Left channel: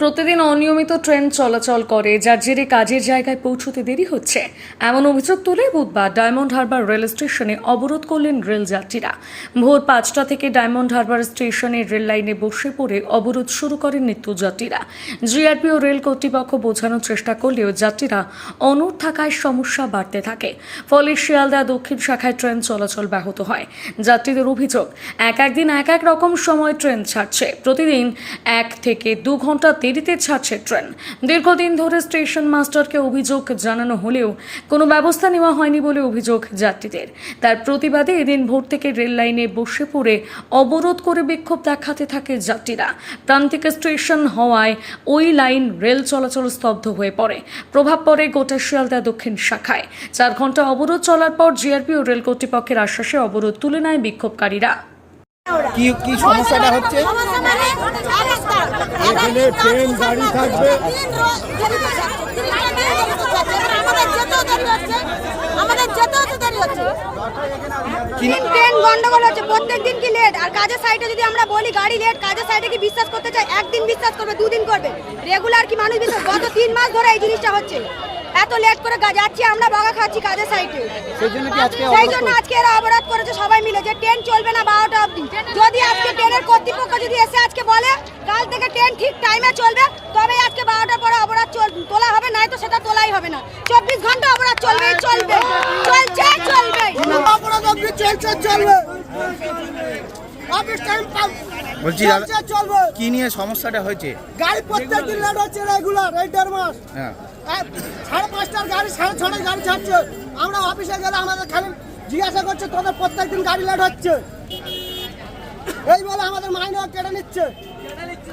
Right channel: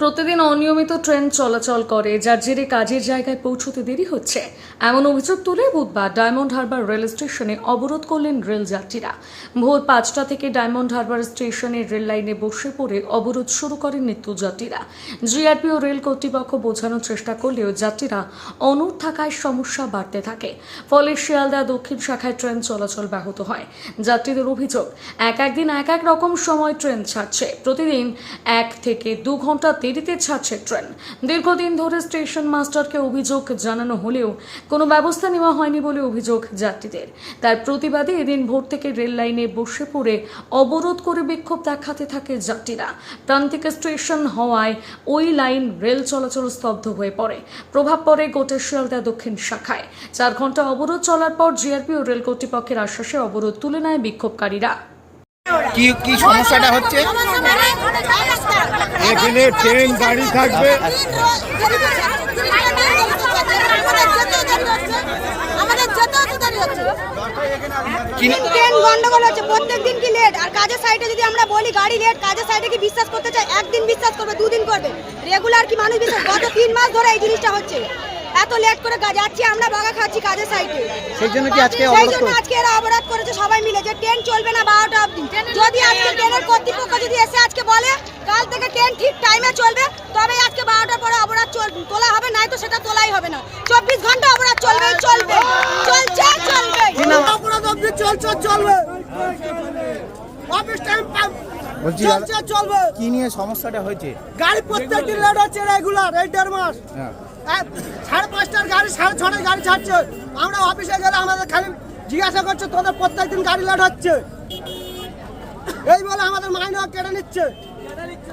প্রতিদিন অনিয়মিত ট্রেন চলাচল করে, যার জেরে কাজের জায়গায় পৌঁছতে দেরি হচ্ছে। এমন অভিযোগ তুলে বুধবার ডায়মন্ড হারবার রেল স্টেশনে অবরোধ করলেন রেল যাত্রীরা। ভোর পাঁচটা থেকে ডায়মন্ড হারবার স্টেশনে রেল লাইনে বসে পড়ে অবরোধ শুরু করেন নিত্যযাত্রীরা জিআরপি ও রেল কর্তৃপক্ষ বোঝানোর চেষ্টা করলেও যাত্রীরা অনুর থাকায় সমস্যা বাড়তে থাকে। ফলে শিয়ালদা দক্ষিণ শাখায় ট্রেন চলাচল ব্যাহত হয়। যাত্রীদের অভিযোগ, এক একদিন এক এক রকম সময় ট্রেন ছাড়ছে। প্রতিদিন এক থেকে দু ঘণ্টা দেরিতে ছাড়ছে ট্রেন। দীর্ঘদিন ধরে স্টেশন মাস্টারকে অভিযোগ জানানো হলেও কোনো ব্যবস্থা নেওয়া হয়নি বলে অভিযোগ যাত্রীদের। তার প্রতিবাদে এদিন ভোর থেকে রেল লাইনে বসে পড়ে অবরোধ করে বিক্ষোভ দেখাতে থাকে যাত্রীরা। প্রান্তিক স্টেশন হওয়ায় ওই লাইন রেল চলাচল স্তব্ধ হয়ে পড়ে। প্রভাব পড়ে গোটা শিয়ালদা দক্ষিণ শাখায়। চার ঘণ্টা অবরোধ চলার পর জিআরপি ও রেল কর্তৃপক্ষের আশ্বাসে অবরোধ তুলে নেয় বিক্ষোভকারীরা। কি কি সমস্যাটা হচ্ছে? এখানে ট্রেন, গাড়ি থাকবে। কাজের সাইডে যদি আমরা বলি গাড়ি লেট কাজের সাইডে করতে চাই একদিন বিশ্বাস করবে, দুদিন করবে। রেগুলার কি মানুষ বিশ্বাস? গত তিন মাস ধরে এই জিনিসটা হচ্ছে। এত লেট করে যাচ্ছি আমরা বাগা খাচ্ছি কাজের সাইডে সেই জন্য কি আজকে সেই জন্য আজকে এরা অবরোধ করেছে সবাই মিলে। যে ট্রেন চলবে না বারোটা অবধি। যদি আজকে ট্রেনের কর্তৃপক্ষ যদি এসে আজকে বলে কাল থেকে ট্রেন ঠিক টাইমে চলবে তবে আজকে বারোটার পরে অবরোধ চল তোলা হবে নাই তো সেটা তোলাই হবে না। চব্বিশ ঘণ্টা অবরোধ চলবে চলবে চলছে চলবে অপরাধ অবধি চলছে চলবে। অফিস টাইম বলছি চলবে। কি নিয়ে সমস্যাটা হয়েছে? গাড়ি প্রত্যেক দিন লেট হচ্ছে রেগুলার এই দেড় মাস। হ্যাঁ। হ্যাঁ, সাড়ে পাঁচটার গাড়ি, সাড়ে ছটার গাড়ি ছাড়ছে। আমরা অফিসে গেলে আমাদের খালি জিজ্ঞাসা করছে, তোদের প্রত্যেক দিন গাড়ি লেট হচ্ছে? এই বলে আমাদের মাইনে কেটে নিচ্ছে কেটে নিচ্ছে।